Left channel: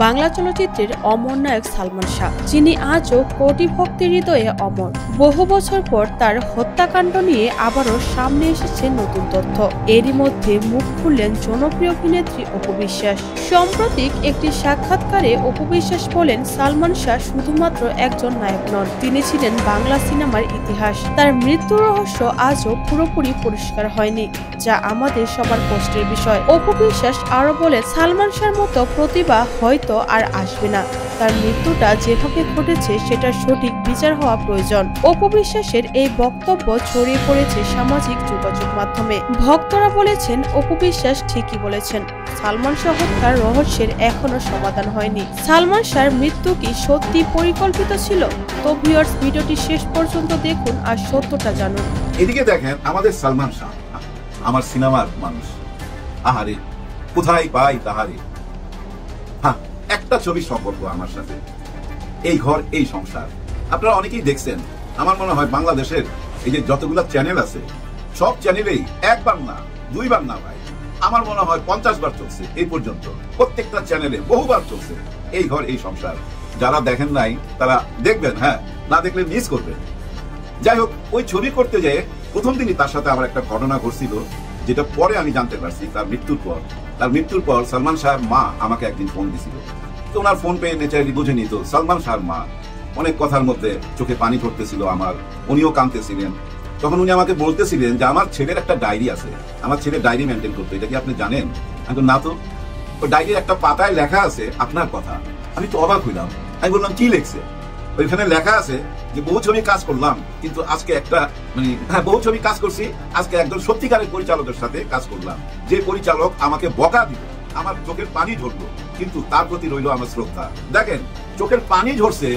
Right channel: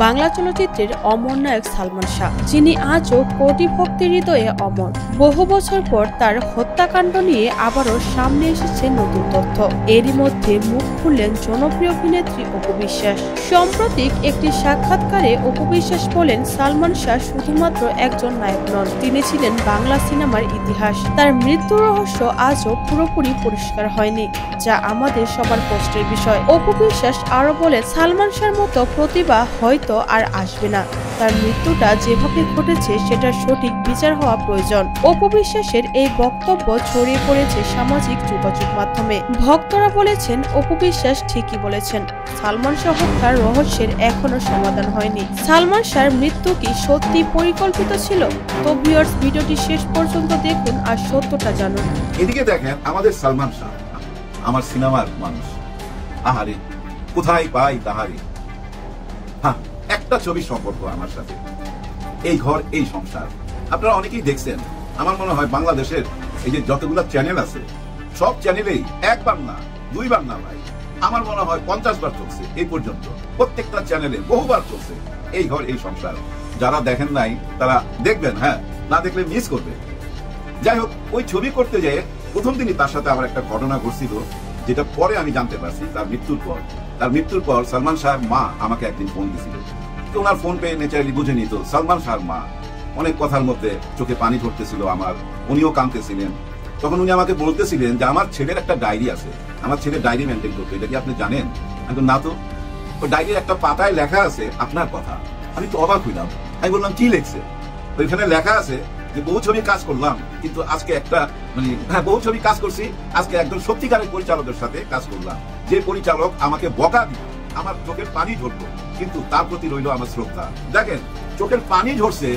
বাংলা চলচ্চিত্রের অমর নায়ক সালমান শাহ, যিনি আজও কোটি ভক্তের হৃদয়ে অমর। বহু বছর পর তার হত্যাকাণ্ড নিয়ে আবারও সামনে এসেছে নতুন তথ্য। এরই মধ্যে মুখ খুললেন জনপ্রিয় অভিনেত্রী অপু বিশ্বাস। সাম্প্রতিক একটি সাক্ষাৎকারে অপু বিশ্বাস বলেন, সালমান শাহ শুধুমাত্র একজন নায়ক নন, তিনি ছিলেন বাংলা সিনেমার ইতিহাস। তার মৃত্যু রহস্য আজও পুরোপুরি পরিষ্কার হয়নি, যা আমাদের সবার কষ্টের বিষয়। অপু বিশ্বাস আরো বলে, সালমান শাহর মতো প্রতিভা হয়তো আর আসবে না। তার মৃত্যুটা যেভাবে ঘটেছে সেটার সঠিক বিচার হওয়া প্রয়োজন। অপু বিশ্বাসের এই বক্তব্য ছড়িয়ে পড়েছে সামাজিক যোগাযোগ মাধ্যমে। ভক্তরা বলেছেন, অপু বিশ্বাস ঠিকই বলেছেন, সালমান শাহ হত্যার রহস্যের এখনো সমাধান হয়নি। সালমান শাহর মৃত্যু কি সত্যি পরিকল্পিত ছিল? তো ভিউয়ার্স, ভিডিওটি শেষ পর্যন্ত দেখুন আর সত্যটা জানুন। এদিকে দেখেন আমাদের সালমান শাহ, আমার সিনেমার মানুষ, আহারে কোথায় পাই তাহারে। হ্যাঁ, একটা ছবির সম্পর্ক আমার সাথে, এই ঘর এই সংসার। আপনারা অনেকেই দেখছেন, আমার মনে হয় বাংলাদেশের এই যে যতগুলো চ্যানেল আছে সব চ্যানেলেই একবার না দুইবার না ভাই, আমার মনে হয় 50 বার চলছে এই পর্যন্ত। প্রত্যেকটা চ্যানেলে বহুবার চলছে এই ঘর এই সংসার। যারা দেখেন নাই তারা দেখবেন, হ্যাঁ, না দেখলে মিস করবেন। যাই হোক, ওই ছবি করতে যেয়ে প্রথম দিনই তার সাথে আবার একটা ঘটনা ঘটছিল, যেটা পরে আমি জানতে পারছি তার মৃত্যুর পর সালমান শাহর মা আমাকে একদিন ফোন দিয়েছিল। তো ওনার ফোন পেয়ে নেচারালি বুঝে নিত সালমান শাহর মা অনেক কথার মধ্যে চোখে পানি ধরতেছিল আমার, উনিও কাঁদতেছিলেন। তখন উনি আমাকে বলতেছিলেন যে আমার ছেলের একটা ডায়েরি আছে, আমার ছেলে ডায়েরি মেনটেন করতো, এটা কি আপনি জানেন? না তো। ডায়েরির একটা পাতায় লেখা আছে আপনার কথা। আমি তো অবাক হইলাম। আমি বললাম, কি লিখছে? ওইখানে লেখা আছে যে বহু ছবি কাজ করলাম, কিন্তু আজকে একটা বহু ছবি কাজ করছি, আজকে একজন সত্যিকারের পরিচালকের সাথে কাজ করলাম, যে পরিচালক আমাকে বকা দিল, আমার চোখের পানি ঝরলো, কিন্তু তার প্রতি রইল আমার শ্রদ্ধা। দেখেন, চোখের পানি ঝরছে,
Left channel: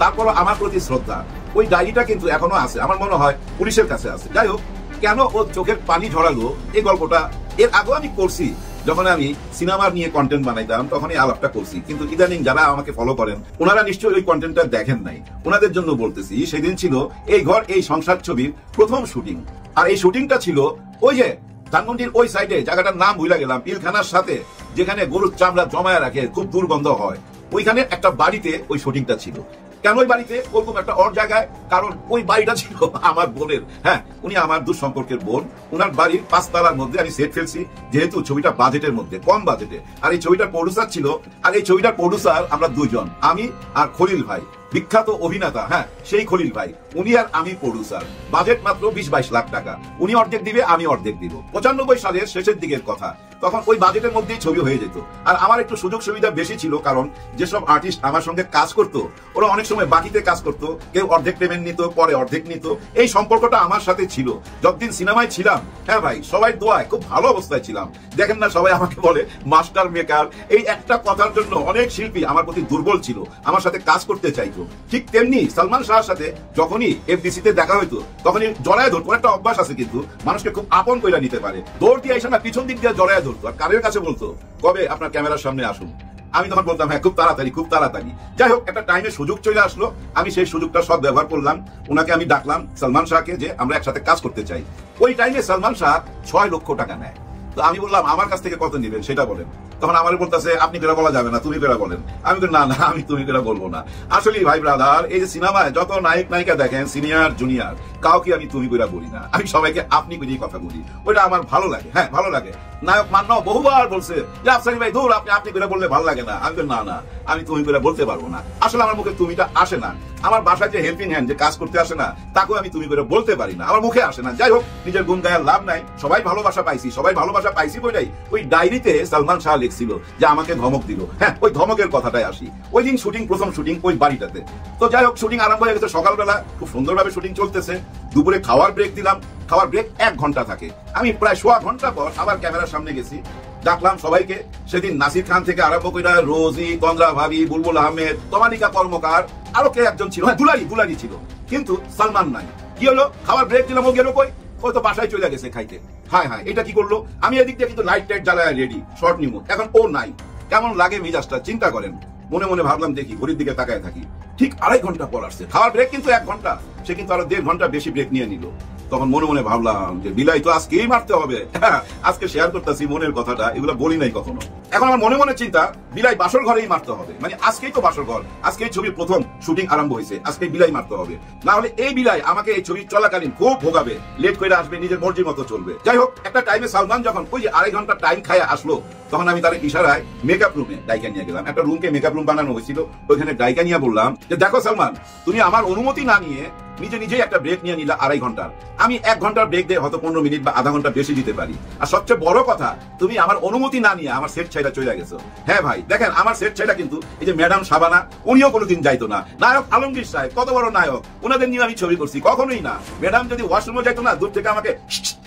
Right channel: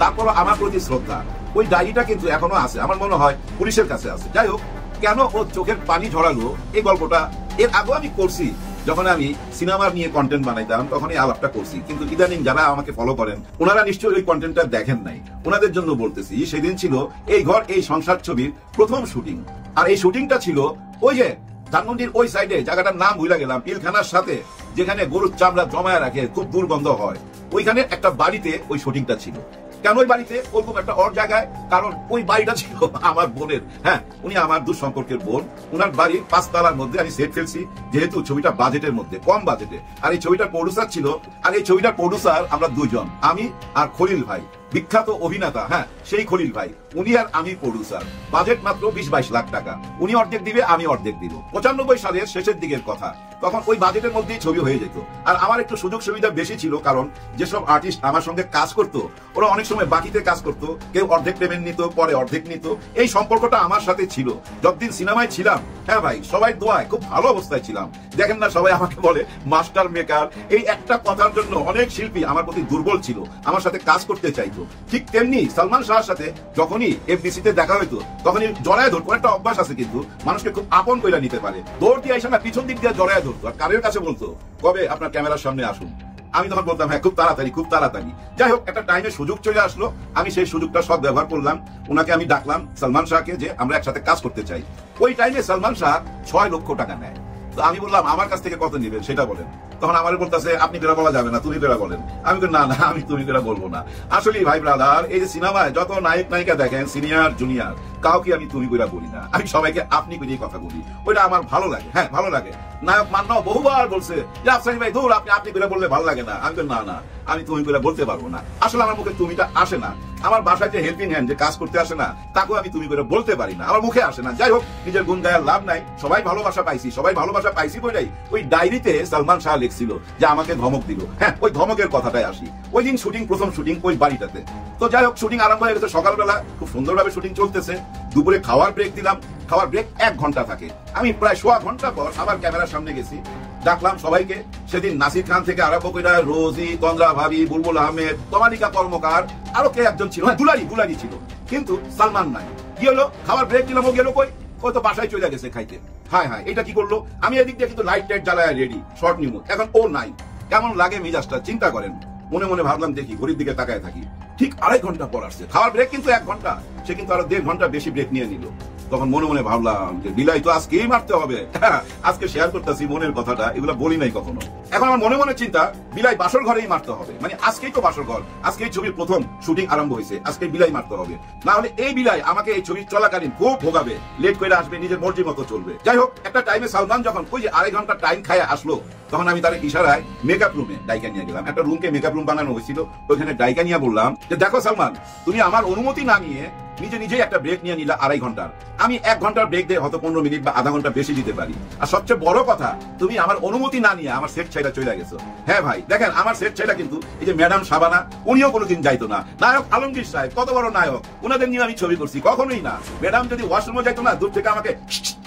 তারপর আমার প্রতি শ্রদ্ধা। ওই ডায়েরিটা কিন্তু এখনো আছে, আমার মনে হয় পুলিশের কাছে আছে। যাই হোক, কেন ও চোখের পানি ঝরালো এই গল্পটা এর আগে আমি করছি, যখন আমি সিনেমা নিয়ে কন্টেন্ট বানাইতাম তখনই আলাপটা করছি। কিন্তু ইদানিং যারা আমাকে ফলো করেন ওনারা নিশ্চয়ই ওই কন্টেন্টটা দেখেন নাই, ওনাদের জন্য বলতেছি। সেদিন ছিল এই ঘর এই সংসার ছবির প্রথম শুটিং, আর এই শুটিংটা ছিল ওই যে ধানমন্ডির ওই সাইডে, জায়গাটার নাম ভুলে গেলাম, পিলখানার সাথে, যেখানে গরুর চামড়া জমায় রাখে, খুব দুর্গন্ধ হয়, ওইখানে একটা বাড়িতে ওই শুটিংটা ছিল। কেন ওই বাড়িতে বলবো, একটা অন্য জায়গায়, কারণ ওই বাড়িটা ছিল আমার বোনের। হ্যাঁ, উনি আমার দূর সম্পর্কের বোন। ওনার বাড়ি 5 তলার মধ্যে আমি সেট ফেলছি, যেহেতু ছবিটা বাজেটের মধ্যে, কম বাজেটে। আর এই ছবিটার প্রডিউসার ছিল, আর এই ছবিটার প্রডিউসার আমরা দুইজন, আমি আর খলিল ভাই, বিখ্যাত অভিনেতা। হ্যাঁ, সেই খলিল ভাই, উনি আর আমি প্রডিউসার। বাজেট মাত্র 20-22 লাখ টাকা। উনি অর্ধেক দিবে, আমি অর্ধেক দিব। 95 সালের শেষের দিকের কথা, তখন ওই বাজেটের মধ্যেই ছবি হয়ে যেত। আর আমার একটু সুযোগ সুবিধা বেশি ছিল, কারণ যেসব আর্টিস্ট আমার সঙ্গে কাজ করতো ওরা অনেক সময় বাকিতে কাজ করতো, কেউ অর্ধেক পেমেন্ট নিত, পরে অর্ধেক নিত। এই সম্পর্কটা আমার সাথে ছিল যতদিন সিনেমায় ছিলাম। হ্যাঁ ভাই, সবাই দোয়ায় খুব ভালো অবস্থায় ছিলাম। দেখেন না, সবাই আমাকে বলে মাস্টার মেকার। এই একটা কথার জন্য অনেক শিল্পী আমার প্রতি দুর্বল ছিল, আমার সাথে কাজ করতে চাইতো। ঠিক তেমনি সালমান শাহর সাথে যখনই এফডিসিতে দেখা হইতো তখনই জড়ায় ধরতো। একটা অভ্যাস আছে কিন্তু, মানুষকে খুব আপন করে নিতে পারে। দৌড় দিয়ে এসে না, পিছন দিক দিয়ে জড়ায় ধরতো, আর কানের কাছে বলতো, কবে আপনার ক্যামেরার সামনে আসুন। আমি তখন বলতাম, হ্যাঁ, খুব তাড়াতাড়ি, খুব তাড়াতাড়ি। যাই হোক, একটা টাইমে সুযোগ চলে আসলো, আমি সেই সুযোগটা সব ব্যবহার করলাম। ওনাকে আমি ডাকলাম, সালমান শাহকে, যে আমরা একসাথে কাজ করতে চাই। ওই টাইমে সালমান শাহ 6 লক্ষ টাকা নেয়। তো আমি বললাম, আমার কাছ থেকে কত নিবেন সেটা বলেন। তখন আমার বলতেছে, আপনি বেড়া বলা যাবে না, তুমি বেড়া বলেন। আমি বলি, না, আমি তুমি বেড়া বলবো না। আসলে ভাই ব্রাদার, এই যে সিনেমায় যত নায়ক নায়িকা দেখেন, সিনিয়র জুনিয়র, কাউকে আমি তুমি বেড়া বলি না, আমি সবাইকে আপনি বেরিয়ে কথা বলি। ওইটা আমার ভালো লাগে। হ্যাঁ, ভালো লাগে। নায়ক মান্য বহুবার বলছে যে আফসারি ভাই দৌড়, আপনি বেড়া বললে ভালো লাগে না। আমি তো না, আমি তুমি বেড়া বলতে পারবো না। আসলে আমার মুখে তুমিটা আসে না। আমার বাসায় যে হেল্পিং হ্যান্ড, যে কাজ করতে আসে না, তাকেও আমি তুমি করে বলতে পারি না, আমার মুখে আসে না। যাই হোক, নিজের গুণ গায়ের লাভ নাই। সবাই ভালোবাসা পাইছি বলেই ওই ডায়েরিতে সালমান শাহ লিখছিল যে আমাকে ধমক দিল। হ্যাঁ, ওই ধমকের কথাটাই আসি। ওই দিন শুটিং, প্রথম শুটিং ওই বাড়িটাতে। তো যাই হোক, শুটিং আরম্ভ হয়ে গেছে সকালবেলা, খুব সুন্দরভাবে শুটিং চলতেছে। দুপুরে খাওয়ার ব্রেক দিলাম, খাওয়ার ব্রেক 1 ঘন্টা থাকে। আমি প্রায় 1.5 ঘন্টা পর আবার ক্যামেরার সামনে গেছি, ডাকলাম সবাইকে। সেদিন নাসির খান থেকে আরম্ভ করে রোজি, তন্দ্রা ভাবি, বুলবুল আহমেদ, তমালিকা কর্মকার, আরো কে একজন ছিল, দুলারি ছিল, কিন্তু সালমান নাই। কি হলো, খাওয়ার ব্রেক দিলাম, ও গেল কই? ও তো বাসায় চলে গেছে খাইতে। হ্যাঁ, এটা কি করলো? আমি এদিক দিয়ে কিন্তু লাইট টাইট চালায় রেডি, শর্ট নিব। এখন ও নাই, কেমন লাগে মেজাজটা চিন্তা করেন। মনে মনে ভাবলাম, দেখি ঘড়ির দিকে তাকায় থাকি। ঠিক 2.5 ঘন্টা পর আসছে। খাওয়ার ব্রেক কিন্তু 1 ঘন্টা, সে কিন্তু আরো 1.5 ঘন্টা বেশি ব্রেক নিয়ে নিল। তখন মনে মনে ভাবলাম যে বিলাই তো আজকেই মারতে হবে। আজকে শেয়ার করতেছি মনের কথাটা, এগুলো বলি নাই কখনো। এখন আমার মনে মনে চিন্তা, বিলাই বাসর ঘরেই মারতে হবে, মানে আজকেই তো বাসর ঘর, আজকে ছবির প্রথম শুটিং আরম্ভ হয়েছে, আজকে বিলাই মারতে হবে। তাহলে এই বিলাই আমাকে এই ছবি চলাকালীন খুব ভোগাবে, লেট করে আসবে, নিজের মর্জি মতো চলবে। যাই হোক, একটা টাইমে সালমান যখন ওই যে 2.5 ঘন্টা টাইম খায় আসলো, তখন আমি তার ইশারায় মেকআপ রুমে ডাইকা নিয়ে গেলাম। একটা রুমকে মেকআপ রুম বানানো হয়েছিল, ওখানে ডাইকা নিয়ে বললাম যে দেখো সালমান, তুমি আমার অনুমতি না নিয়ে নিজে নিজেই একটা ব্রেক নিয়ে নিলা 2.5 ঘন্টার। আমি 1 ঘন্টার ব্রেক দিয়ে হয়তো 15 মিনিট বা আধা ঘন্টা বেশি দিতে পারি। আর সবচেয়ে বড় কথা, তুমি আমার অনুমতি না নিয়ে আমার সেট ছাইড়া চলে গেছো। হ্যাঁ ভাই, দেখেন আমার সেট ছাইড়া কিন্তু এই যে ম্যাডাম শাবানা, উনিও কোনোদিন যাইতো না। নায়ক আলমগীর সাহেব, কত বড় নায়ক, ওনাদের নিয়ে আমি ছবি করছি, কখনোই না। ম্যাডাম যদি ওয়াশরুমে যাইতো না, দূর থেকে আমাকে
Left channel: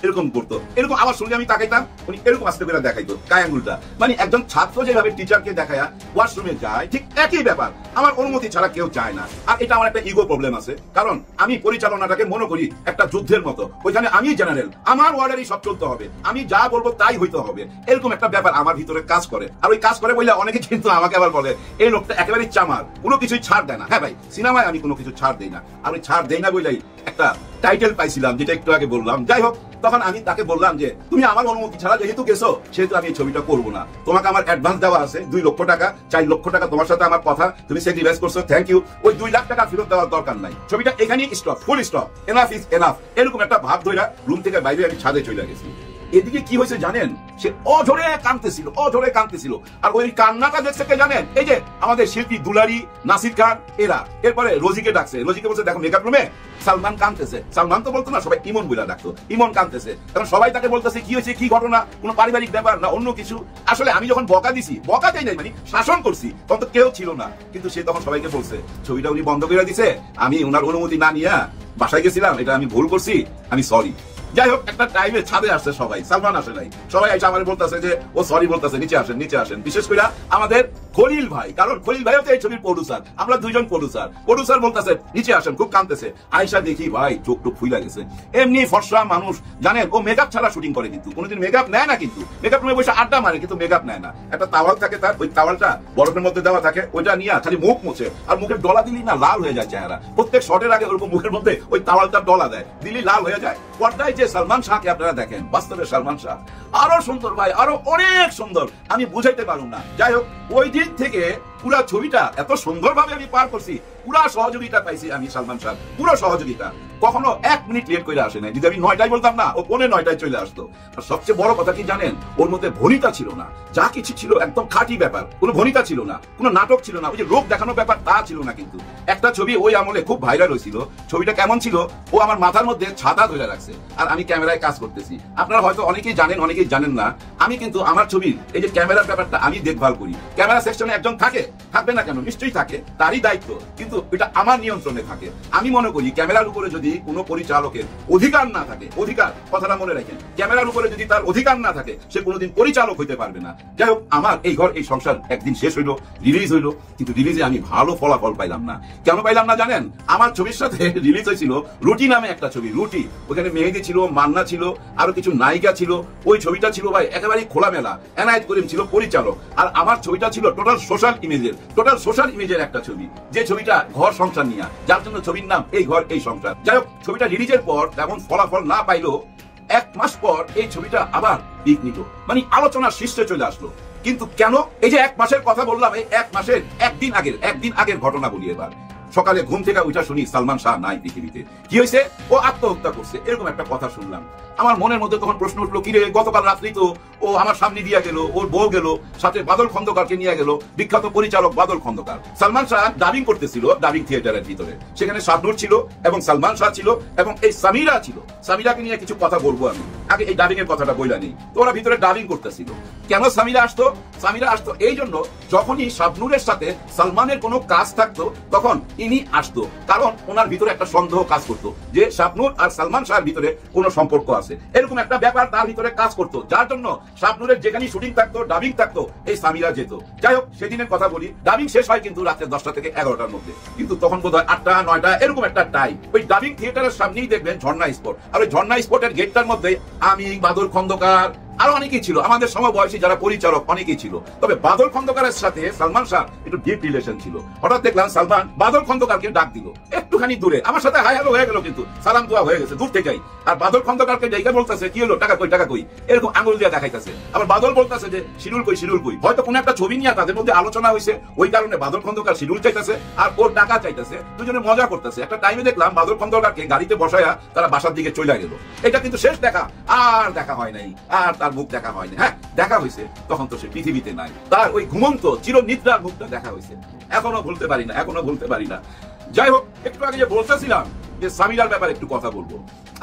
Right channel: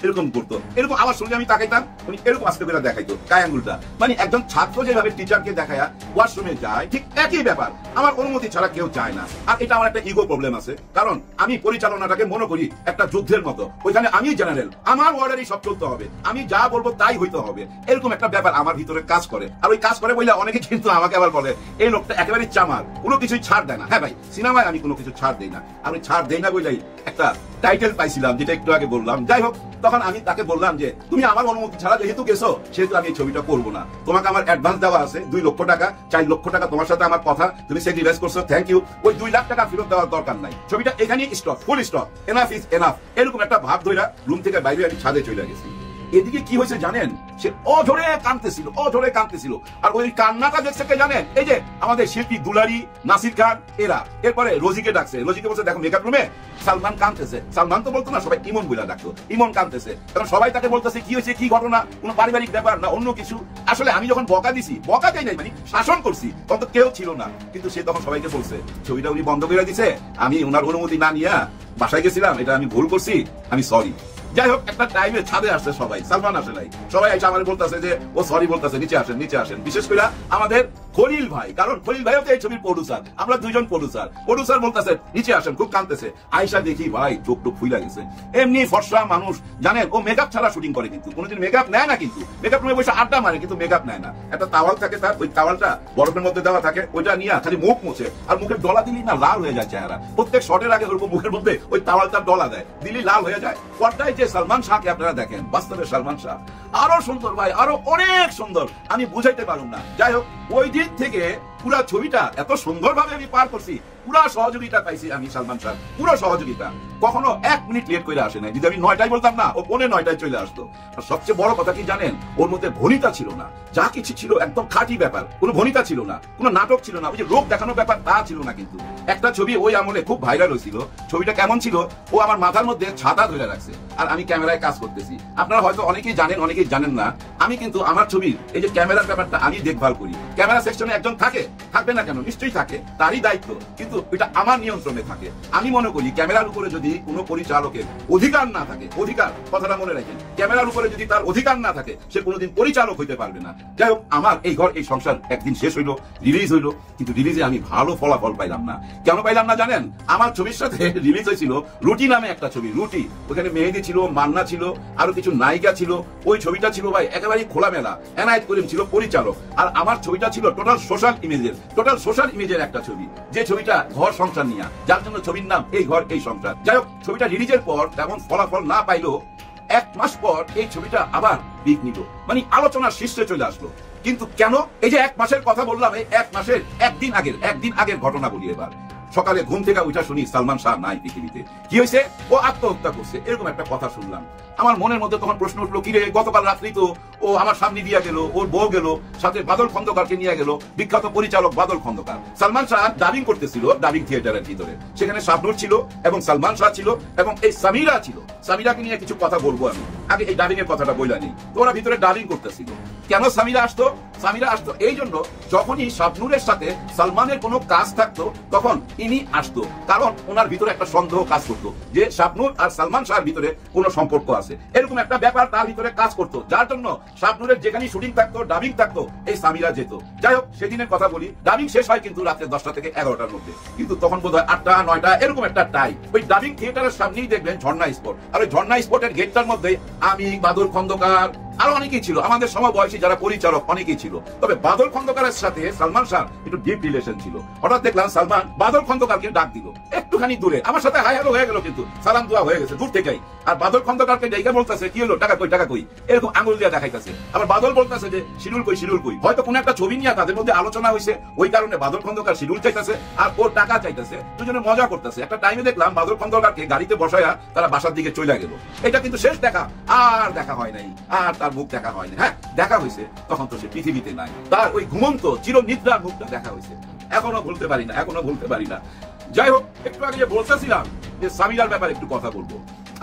এরকম করতো, এরকম আমার সঙ্গে আমি তাকাইতাম, উনি এরকম আস্তে করে দেখাইতো গায়ে আঙুলটা। মানে একজন ছাত্র যেভাবে টিচারকে দেখায় ওয়াশরুমে যায়, ঠিক একই ব্যাপার, আমার অনুমতি ছাড়া কেউ চায় না। আর এটা আমার একটা ইগো প্রবলেম আছে, কারণ আমি পরিচালনাটাকে মনে করি একটা যুদ্ধের মতো। ওইখানে আমি জেনারেল, আমার ওয়ার্ডারই সব চলতে হবে, আমি যা বলবো তাই হইতে হবে, এরকম একটা ব্যাপার আমার ভিতরে কাজ করে। আর ওই কাজ করে বলে অনেকে কিন্তু আমাকে আবার বলে এই লোকটা একেবারে চামার, কোনো কিছুই ছাড় দেয় না। হ্যাঁ ভাই, সিনেমায় আমি কোনো কিছু ছাড় দিই না, আমি ছাড় দেই না বলেই একটা টাইটেল পাইছিলাম, যেটা একটু আগে বললাম। যাই হোক, তখন আমি তাকে বললাম যে তুমি আমার অনুমতি ছাড়া যেহেতু গেছো, সেহেতু আমি এই ছবিটা করবো না। তোমাকে আমার অ্যাডভান্স দেওয়া আছে 2 লক্ষ টাকা, 4 লক্ষ টাকা তোমার সাথে আমার কথা, তুমি স্যাক্রিফাইস করছো, থ্যাংক ইউ। ওই 2 লাখ টাকা ফেরত দেওয়ার দরকার নাই, ছবিটা এখানেই stop, full stop, enough is enough. এরকম একটা ভাব ধরে রুম থেকে বাইরে আমি ছাদে চলে গেছি। এদিকে কি হয়েছে জানেন, সে অঝরে কাঁদতেছিল, অঝরে কাঁদতেছিল। আর ওই কান্নাটা দেখছে কে জানেন, এই যে আমাদের শিল্পী দুলারি, নাসির খান, এরা। এরপরে রোজিকে ডাকছে, রোজিকে বলছে দেখো মেকআপ রুমে সালমান কাঁদতেছে। সালমান তো বলতো না, সবাই ইমন বলে ডাকতো, ইমন কাঁদতেছে। কারণ সবাই তাকে বলতেছে কি হয়েছে, কি ঘটনা, কোন পারিবারিক ব্যাপার না অন্য কিছু। আসলে আমি যখন বকা দিছি, বকা চাই নাই, মানে শাসন করছি, তখন তো কেউ ছিল না। কিন্তু সে তখন সবাইকে বলছে ছবিটা উনি বন্ধ করে দিছে, আমি ওনার অনুমতি না নিয়ে বাসায় গেছিলাম, এটা আমি ভুল করছি, আমি সরি। যাই হোক, একটা টাইমে ছাদে আসছে সবাই, সালমান আসে নাই, সবাই এসে আমার বলতেছে যে ও সরি বলতেছে, নিচে আসেন, নিচে আসেন। বিশেষ করে আমাদের খলিল ভাই, কারণ খলিল ভাই হচ্ছে এই ছবির প্রডিউসার, আমরা 2 জন প্রডিউসার। প্রডিউসার বলতেছে নিচে আসেন, খুব কাঁদতেছে। আয়সা দেখি ভাই চোখ টোক ফুলে গেছে। এমনি ফর্সা মানুষ, জানেন ও মেকআপ ছাড়া শুটিং করে, কিন্তু কোনোদিন মেকআপ নেয় না, কিন্তু মেকআপ রুমে বসে আড্ডা মারে, কিন্তু মেকআপ নেয় না। একটা তাওয়াল থাকে তার, ওই তাওয়ালটা বরফের মধ্যে দেওয়া থাকে, ওইটা নিয়ে খালি মুখ মুছে, আর মুখের ডলা দিলেই না লাল হয়ে যায় চেহারা। প্রত্যেক শটের আগে ওরকম মুখের মধ্যে ওই তাওয়ালটা ডলা দেয়, দিলেই লাল হয়ে যায়। পর্দায় যে সালমান শাহকে আপনারা দেখেন, বাস্তবে সালমান শাহ আরো সুন্দর ভাই, আরো অনেক সুন্দর, আমি বুঝাইতে পারবো না। যাই হোক, ওই দিক থেকে পুরো ছবিটা এত সুন্দরভাবে আমি পার করছি, পুরো সহযোগিতা পাইছি আমি সালমান শাহ, পুরো সহযোগিতা। কখনো 1 মিনিট লেট করে আসে না, যদি আমি 9টায় বলতাম না, ও 9:45 চলে আসতো। আর সবচেয়ে বড় কথা কি জানেন, ওর মধ্যে ভনিতা ছিল না, যা কিছু ছিল একদম খাঁটি ব্যাপার, কোনো ভনিতা ছিল না, কোনো নাটক ছিল না, ওই যে লোক দেখানোর ব্যাপার তা ছিল না। কিন্তু একটা ছবি ওই আমলে খুব ভাইরাল হয়েছিল, ছবিটা কেমন ছিল, ও আমার মাথার মধ্যে ছাতা ধরে রাখছে, আর আমি ক্যামেরায় কাজ করতেছি। আপনারা হয়তো অনেকেই জানেন, অনেকেই জানেন না, আমি কিন্তু আমার ছবির এই যে ক্যামেরার ব্যাপারটা আমি দেখভাল করি। ক্যামেরা সেকশনে একজন থাকে, থাকবে না কেন, নিশ্চয়ই থাকে, তারই দায়িত্ব, কিন্তু এটা আমার নিয়ন্ত্রণে থাকে। আমি মনে করি ক্যামেরার উপরে যদি কোনো পরিচালকের অধিকার না থাকে, অধিকার কথাটা মনে রাখেন, ক্যামেরার উপরে যদি তার অধিকার না থাকে, সে কোনোদিন পরিচালক হইতে পারবে না। যাই হোক, আমার এই ঘর এই সংসার একদিন শেষ হইলো, রিলিজ হইলো, কিন্তু রিলিজে আমি ভালো ফলাফল পাইলাম না। কেন পাইলাম না জানেন, আমার ছবির সাথে রিলিজ হয়েছিল রুটি নামে একটা ছবি, রুটি, ওখানে মেহেদি ছিল, মান্না ছিল, আরো কিছু নায়িকা ছিল। ওই ছবিটা ছিল ভাই একেবারে খোলামেলা, এনায়েত করিম ছিল পরিচালক, আর আমার ছবিটা ছিল টোটাল সোশ্যাল ইমেজের একটা ছবি, যে ছবিটা ঘর সংসার নিয়ে, যার জন্য ছবির নাম এই ঘর এই সংসার। যাই হোক, ছবিটা রিলিজের পর যেমন ফলাফল না পাইলো, 1 মাস পর এই ছবিটা আমার দিক নিল, মানে আলোচনার শীর্ষে চলে আসলো। কিন্তু কেন, এই যে 1 মাসের কথা বললাম, এই 1 মাসের একদিন আগের ঘটনা বলি। এবার সকালে ঘুম থেকে উঠে শুনি সালমান শাহ নাই পৃথিবীতে। কি হয়েছে, ও আত্মহত্যা করছে, এরকম একটা কথা শুনলাম। আমার মনের মধ্যে তখন প্রশ্ন উঠলো, কিরে গতকাল রাত্রি তো ও আমার সামনে দিয়ে গেল, ওর বউ গেল, সাথে বাদল খন্দকারকে নিয়ে গেল, বিখ্যাত পরিচালক বাদল খন্দকার। সালমান শাহ ডাবিং করতেছিল ডাবিং থিয়েটারের ভিতরে, সেখানে শাবনূর ছিল এবং সালমান শাহ ছিল এবং এই সামিরা ছিল। সামিরাকে নিয়ে কিছু কথা বলবো আমি, আগে এই ডাবিং এর কথাটা বইলা নেই। তো ওরা ভিতরে ডাবিং করতেছিল। কেন সামিরা আসতো, সামিরা আসতো এই জন্য, যখনই শাবনূরের সাথে সালমানের কোনো কাজ থাকতো তখন ইনি আসতো, কারণ ওনার ভিতরে একটা সন্দেহ কাজ করতো যে শাবনূর আর সালমান শাহের ভিতরে কোনো সম্পর্ক আছে, এরকম একটা ব্যাপার তার ভিতরে কাজ করতো, যার জন্য শাবনূরের যেখানে শুটিং থাকতো, ডাবিং থাকতো, এই সামিরা যেত। যাই হোক, সেদিনের কথা বলি, ডাবিং শেষ হয় কিন্তু রাত্রে 10টা থেকে 11টার মধ্যে, কিন্তু তখন বোধ হয় 8টা 9টা এরকম একটা টাইম। ওই ডাবিং থিয়েটারের সামনেই দেখবেন ঝর্ণা স্পট, আর ওই ঝর্ণা স্পটের গেটটার মধ্যে আমি, বাদল খন্দকার, আরো অনেকেই ছিল, আমাদের সমবয়সী যারা পরিচালক অনেকেই ছিল। ছিল, তবে বাদল খন্দকারের সাথে সালমান শাহ একটু ডিপ রিলেশন ছিল। হঠাৎ দেখলাম সালমান বাদল খন্দকারকে ডাক দিল একটুখানি দূরে, আমার সাথে হাই হ্যালো হয়ে গেল, কিন্তু সালাম দোয়া হয়ে গেছে দূর থেকেই। আর বাদল খন্দকারকে ডেকে বলতেছে কি হলো, টাকা কই টাকা কই, এরকম আঙুল দিয়ে দেখাইতেছে। আবার বাদল বলতেছে যে শিডিউল কই শিডিউল কই। হয়তো কোনো একটা ছবি নিয়ে তাদের মধ্যে আলোচনা হয়েছে, ওই কারণে বাদল খন্দকার শিডিউল চাইতেছে আর ওর টাকা চাইতেছে, দুজনে মজা করতেছে। একটা টাইমে দেখলাম বাদল খন্দকারকে গাড়িতে বসায়া তারা বাসার দিকে চলে গেল। এটা কিন্তু শেষ দেখা, আর দেখা হয় নাই, আর তার মুখ দেখা হয়নি। হ্যাঁ দেখা হয়েছে, তখন তো সে পৃথিবীতে নাই, তার ওই ঘুমন্ত চির নিদ্রার মুখটা দেখা হয়েছে। এখনো ভুলতে পারি না, এখনো ভুলতে পারি না। যাই হোক, একটু আগে যে বলতেছিলাম যে সামিরার ব্যাপারে একটু কথা বলবো।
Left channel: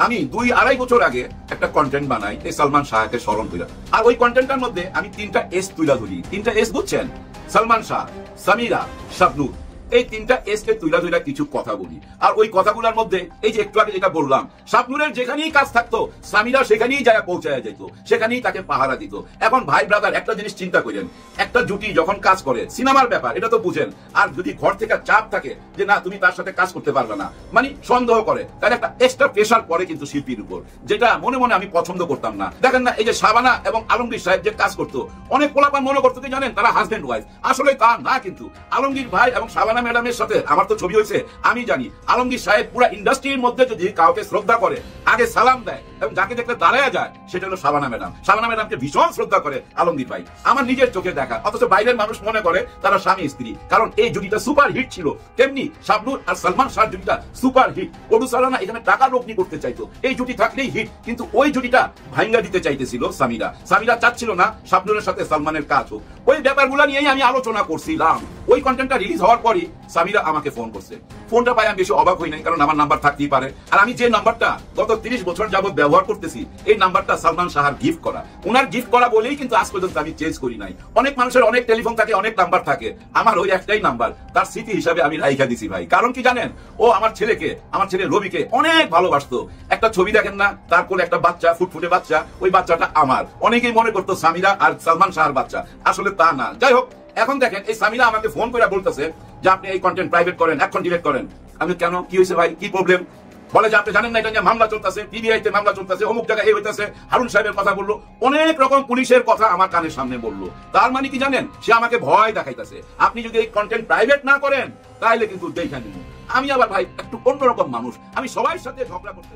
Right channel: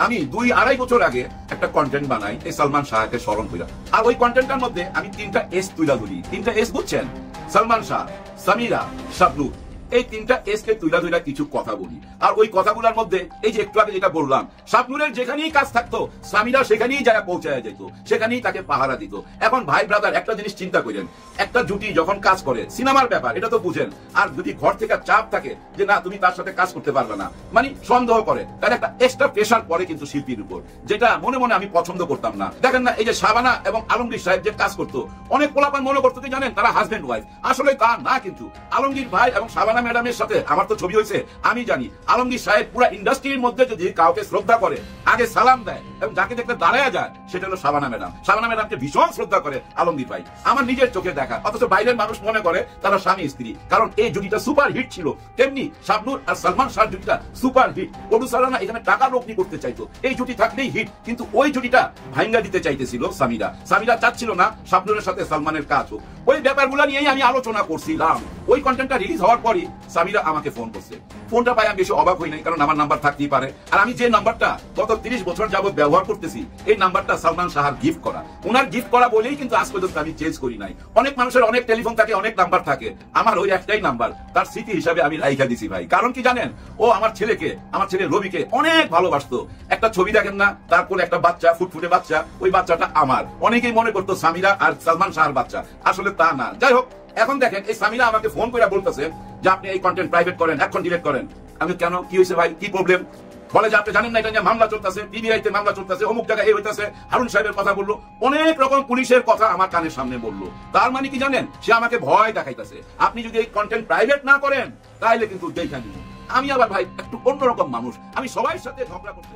আমি 2-2.5 বছর আগে একটা কন্টেন্ট বানাই এই সালমান শাহকে স্মরণ কইরা, আর ওই কন্টেন্টটার মধ্যে আমি 3টা এস তুইলা ধরি। 3টা এস হচ্ছেন সালমান শাহ, সামিরা, শাবনূর। এই 3টা এস কে তুইলা ধইরা কিছু কথা বলি। আর ওই কথাগুলোর মধ্যে এই যে একটু আগে যেটা বললাম, শাবনূরের যেখানেই কাজ থাকতো সামিরা সেখানেই যারা পৌঁছায় যেত, সেখানেই তাকে পাহারা দিত। এখন ভাই ব্রাদার একটা জিনিস চিন্তা করেন, একটা জুটি যখন কাজ করে, সিনেমার ব্যাপার এটা তো বুঝেন, আর যদি ঘর থেকে চাপ থাকে যে না তুমি তার সাথে কাজ করতে পারবে না, মানে সন্দেহ করে, তার একটা এক্সট্রা প্রেশার পড়ে কিন্তু শিল্পীর উপর, যেটা মনে মনে আমি পছন্দ করতাম না। দেখেন না এই যে শাবানা এবং আলমগীর সাহেব যে কাজ করতো, অনেক পোলাপান মনে করতো কি জানেন তারা হাজবেন্ড ওয়াইফ, আসলে তা না। কিন্তু আলমগীর ভাই এবং শাবানা ম্যাডামের সাথে আমার তো ছবি হয়েছে, আমি জানি আলমগীর সাহেব পুরো ইন্ডাস্ট্রির মধ্যে যদি কাউকে শ্রদ্ধা করে, আগে সালাম দেয় এবং যাকে দেখতে দাঁড়ায় যায়, সেটা হলো শাবানা ম্যাডাম। শাবানা ম্যাডামকে ভীষণ শ্রদ্ধা করে আলমগীর ভাই, আমার নিজের চোখে দেখা। অথচ বাইরের মানুষ মনে করে তারা স্বামী স্ত্রী, কারণ এই জুটিটা সুপার হিট ছিল। তেমনি শাবনূর আর সালমান শাহ জুটিটা সুপার হিট। প্রডিউসাররা এখানে টাকা রপ্তি করতে চাইতো, এই জুটি থাকলেই হিট, কিন্তু ওই জুটিটা ভাঙ্গা দিতে চাইতেছিল সামিরা। সামিরা চাচ্ছিল না শাবনূরের সাথে সালমানের কাজ হোক। ওই ব্যাপারগুলো নিয়েই আমি আলোচনা করছিলাম। ওই কন্টেন্টটা রিলিজ হওয়ার পরই সামিরা আমাকে ফোন করছে। ফোনটা পাই আমি বেশি অবাক হই নাই, কারণ আমার নাম্বার থাকতেই পারে। আর আমি যে নাম্বারটা গত 30 বছর যাবত ব্যবহার করতেছি, এই নাম্বারটা সালমান শাহর গিফট করা, ওনার গিফট করা বলেই কিন্তু আজ পর্যন্ত আমি চেঞ্জ করি নাই। অনেক মানুষের অনেক টেলিফোন থাকে, অনেক নাম্বার থাকে, আমার ওই একটাই নাম্বার, তার স্মৃতি হিসাবে আমি রাইখা দিছি ভাই। কারণ কি জানেন, ও আমার ছেলেকে, আমার ছেলে রবিকে অনেক ভালোবাসতো। একটা ছবি দেখেন না, তার কোলে একটা বাচ্চা, ফুটফুটে বাচ্চা, ওই বাচ্চাটা আমার। অনেকেই মনে করতো সামিরা আর সালমান শাহর বাচ্চা, আসলে তা না। যাই হোক, এখন দেখেন এই সামিরা আমাকে ফোন করে বলতেছে যে আপনি এই কন্টেন্ট প্রাইভেট করেন, এখন ডিলিট করেন। আমি কেন, কি হয়েছে ভাই, কি প্রবলেম? বলে যে আপনি জানেন না এটা নিয়ে মামলা চলতেছে, পিবিআইতে মামলা চলতেছে, অমুক জায়গায় এই হইতেছে, হারুন সাহেবের কথা বললো, অনেক রকম পুলিশের কথা আমার কানের সামনে বললো। তার মানে কি জানেন, সে আমাকে ভয় দেখাইতেছে, আপনি যদি এই কন্টেন্ট প্রাইভেট না করেন তাহলে কিন্তু দেখে নিন। আমি আবার ভাই একটু অন্যরকম মানুষ, আমি সবার সাথে ঝগড়া করতে